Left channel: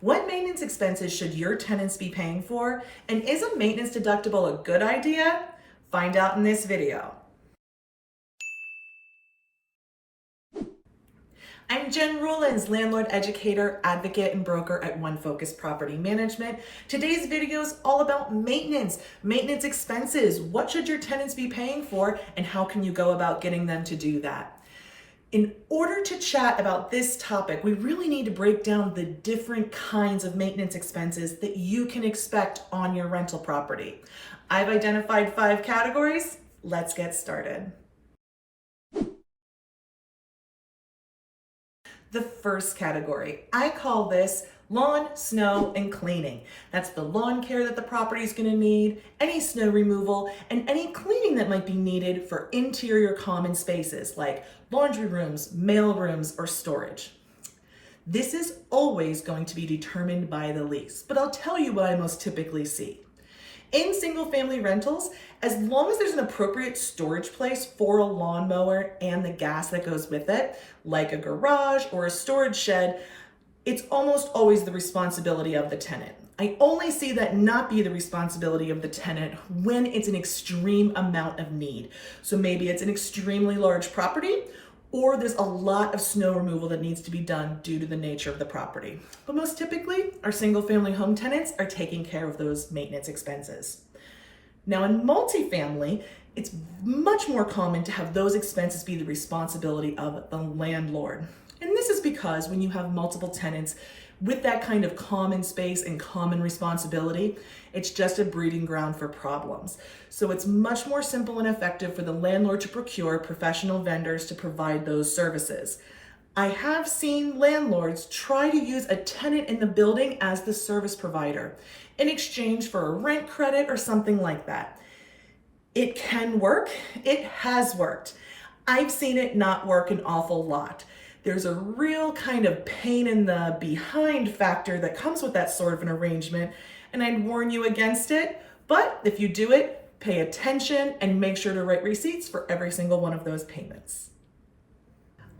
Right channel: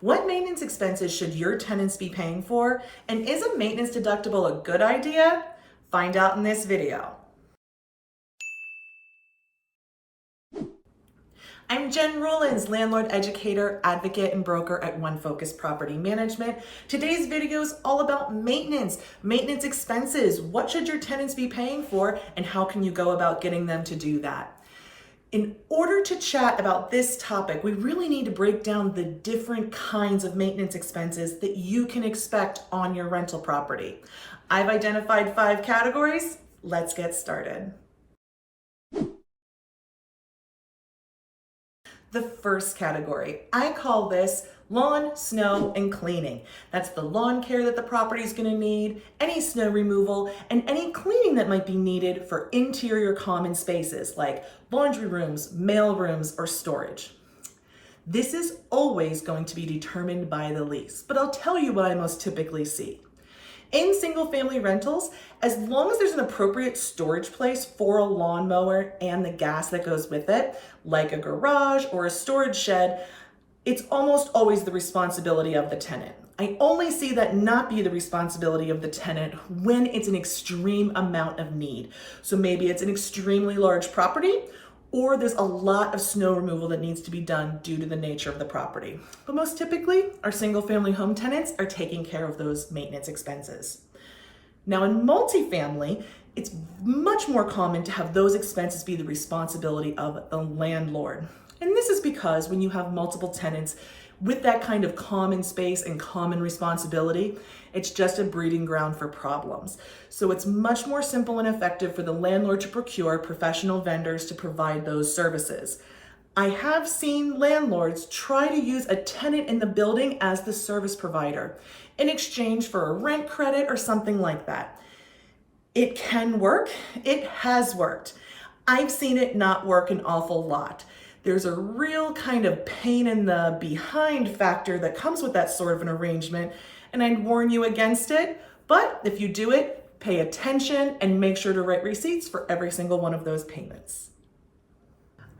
What maintenance expenses should your tenants be paying for? And is a maintenance deductible a good idea? Find out in this video. I'm Jen Ruelens, landlord, educator, advocate, and broker at One Focus Property Management. Today's video is all about maintenance expenses. What should your tenants be paying for, and how can you go about getting them to do that? In order to chat about this topic, we really need to break down the different kinds of maintenance expenses that you can expect on your rental property. I've identified 5 categories. Let's get started. The first category, I call this lawn, snow, and cleaning. That's the lawn care that the property is going to need, any snow removal, and any cleaning that might be needed for interior common spaces like laundry rooms, mail rooms, or storage. This is always going to be determined by the lease, but I'll tell you what I most typically see. In single-family rentals, as long as there's an appropriate storage place for a lawnmower and the gas that goes with it, like a garage or a storage shed, it's almost always the responsibility of the tenant. I only see that not be the responsibility of the tenant when it's an extreme amount of need. So maybe it's an extremely large property, or there's a lot of snow removal that needs to be done due to the nature of the property. But most typically, our single-family home tenants are taking care of those maintenance expenses. Now in multifamily, it's much more common to have those expenses be the responsibility of the landlord. And this is because when you have multiple tenants with that kind of common space and common responsibility, it's just a breeding ground for problems. So it's much more simple and effective for the landlord to procure professional vendors to provide those services. I have seen landlords try to use a tenant in the building as the service provider in exchange for a rent credit or something like that. It can work. It has worked. I've seen it not work an awful lot. There's a real kind of pain in the behind factor that comes with that sort of an arrangement, and I'd warn you against it. But if you do it, pay attention and make sure to write receipts for every single one of those payments.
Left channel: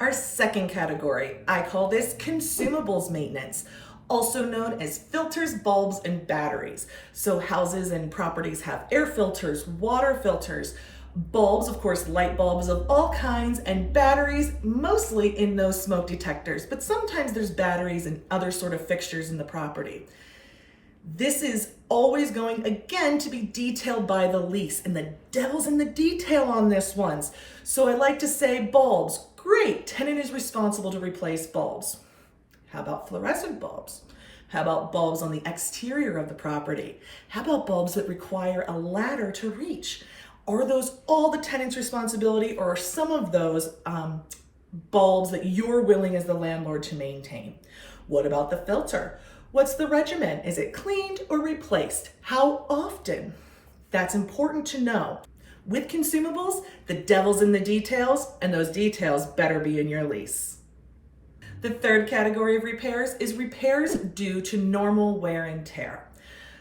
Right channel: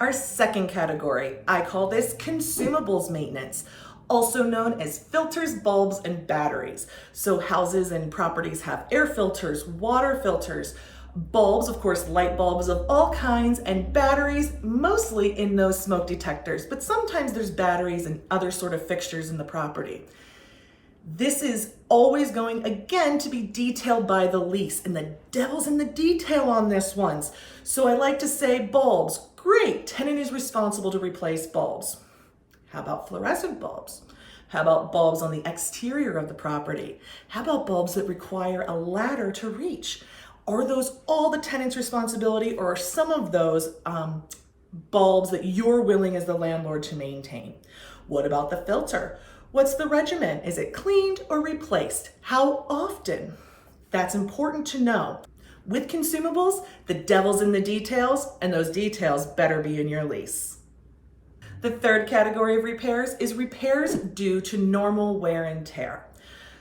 Our second category, I call this consumables maintenance, also known as filters, bulbs, and batteries. So houses and properties have air filters, water filters, bulbs, of course, light bulbs of all kinds, and batteries, mostly in those smoke detectors, but sometimes there's batteries and other sort of fixtures in the property. This is always going, again, to be detailed by the lease, and the devil's in the detail on this one. So I like to say bulbs, great, tenant is responsible to replace bulbs. How about fluorescent bulbs? How about bulbs on the exterior of the property? How about bulbs that require a ladder to reach? Are those all the tenant's responsibility, or are some of those bulbs that you're willing as the landlord to maintain? What about the filter? What's the regimen? Is it cleaned or replaced? How often? That's important to know. With consumables, the devil's in the details, and those details better be in your lease. The third category of repairs is repairs due to normal wear and tear.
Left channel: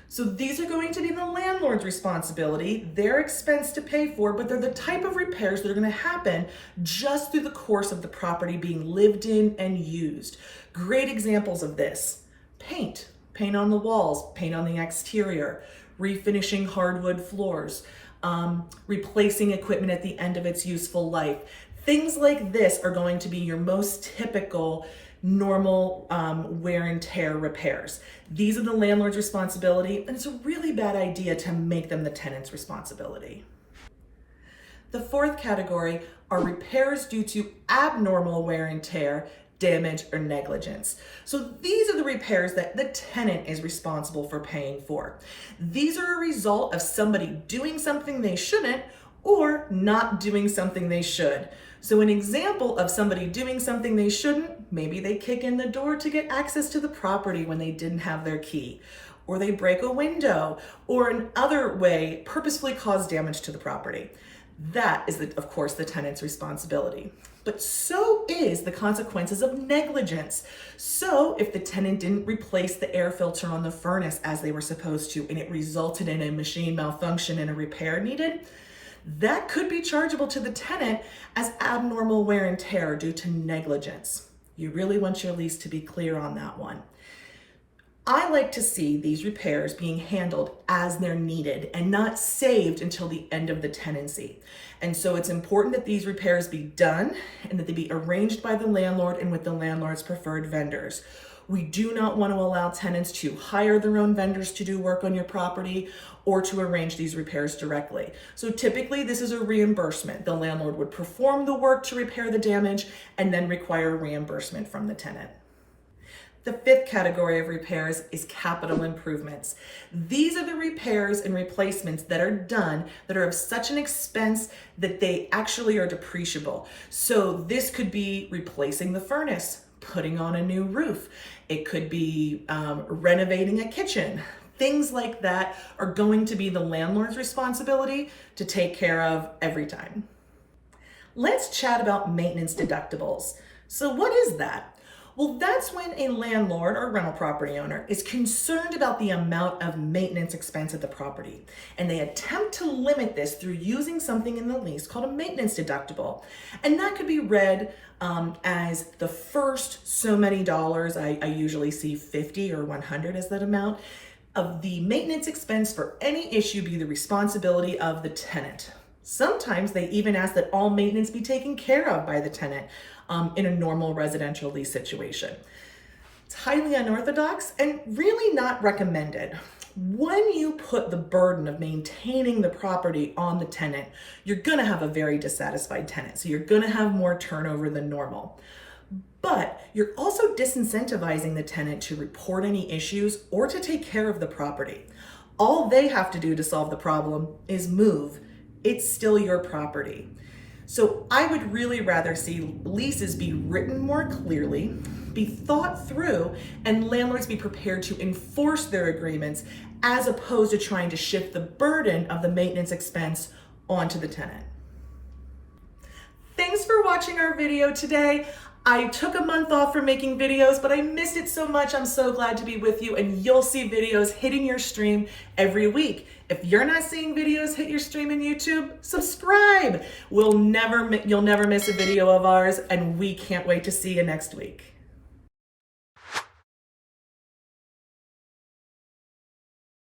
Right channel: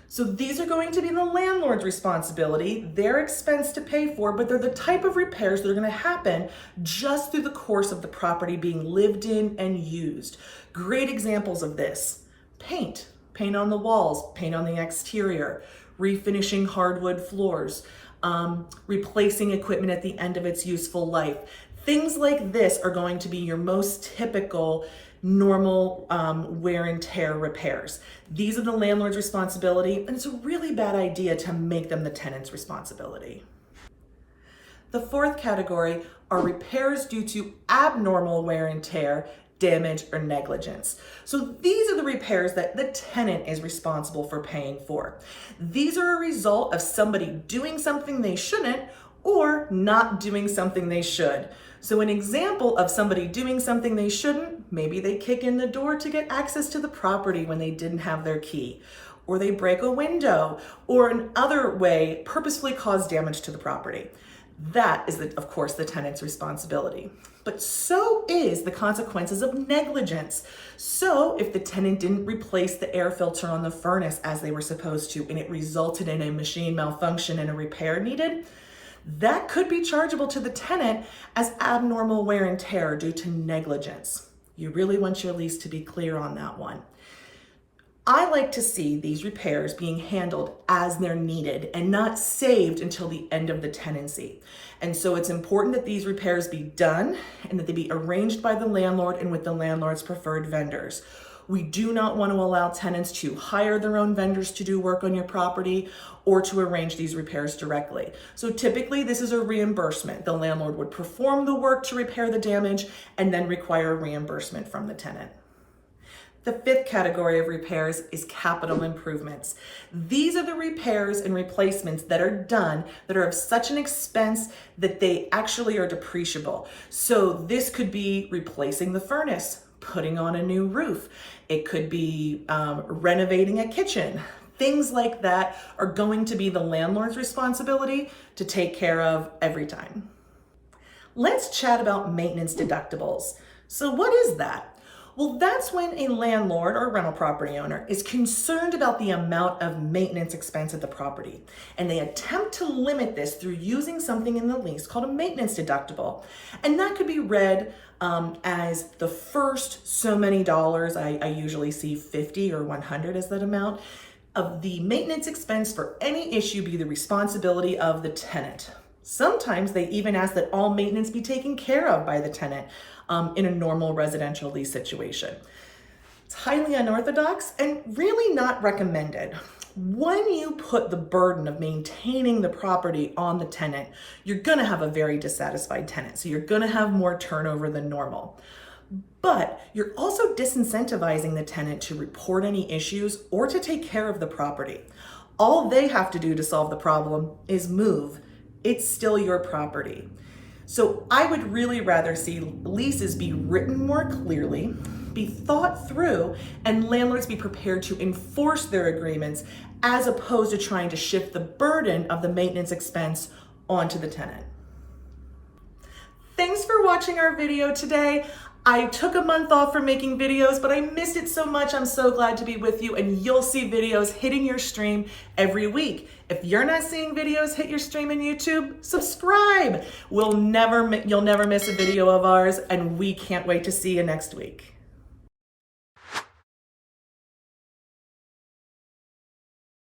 So these are going to be the landlord's responsibility, their expense to pay for, but they're the type of repairs that are going to happen just through the course of the property being lived in and used. Great examples of this: paint on the walls, paint on the exterior, refinishing hardwood floors, replacing equipment at the end of its useful life. Things like this are going to be your most typical normal wear and tear repairs. These are the landlord's responsibility, and it's a really bad idea to make them the tenant's responsibility. The fourth category are repairs due to abnormal wear and tear, damage, or negligence. So these are the repairs that the tenant is responsible for paying for. These are a result of somebody doing something they shouldn't or not doing something they should. So an example of somebody doing something they shouldn't, maybe they kick in the door to get access to the property when they didn't have their key, or they break a window, or in other way purposefully cause damage to the property. That is, of course, the tenant's responsibility. But so is the consequences of negligence. So if the tenant didn't replace the air filter on the furnace as they were supposed to, and it resulted in a machine malfunction and a repair needed, that could be chargeable to the tenant as abnormal wear and tear due to negligence. You really want your lease to be clear on that one. I like to see these repairs being handled as they're needed and not saved until the end of the tenancy. And so it's important that these repairs be done and that they be arranged by the landlord and with the landlord's preferred vendors. We do not want to allow tenants to hire their own vendors to do work on your property or to arrange these repairs directly. So typically this is a reimbursement. The landlord would perform the work to repair the damage and then require reimbursement from the tenant. The fifth category of repairs is capital improvements. These are the repairs and replacements that are done that are of such an expense that they actually are depreciable. So this could be replacing the furnace, putting on a new roof. It could be renovating a kitchen. Things like that are going to be the landlord's responsibility to take care of every time. Let's chat about maintenance deductibles. So what is that? Well, that's when a landlord or rental property owner is concerned about the amount of maintenance expense at the property, and they attempt to limit this through using something in the lease called a maintenance deductible. And that could be read as the first so many dollars, I usually see 50 or 100 as that amount, of the maintenance expense for any issue be the responsibility of the tenant. Sometimes they even ask that all maintenance be taken care of by the tenant in a normal residential lease situation. It's highly unorthodox and really not recommended. When you put the burden of maintaining the property on the tenant, you're gonna have a very dissatisfied tenant. So you're gonna have more turnover than normal. But you're also disincentivizing the tenant to report any issues or to take care of the property. All they have to do to solve the problem is move. It's still your property. So I would really rather see leases be written more clearly, be thought through, and landlords be prepared to enforce their agreements as opposed to trying to shift the burden of the maintenance expense onto the tenant. Thanks for watching our video today. I took a month off from making videos, but I missed it so much. I'm so glad to be with you, and you'll see videos hitting your stream every week. If you're not seeing videos hit your stream in YouTube, subscribe. You'll never miss a video of ours, and we can't wait to see you next week.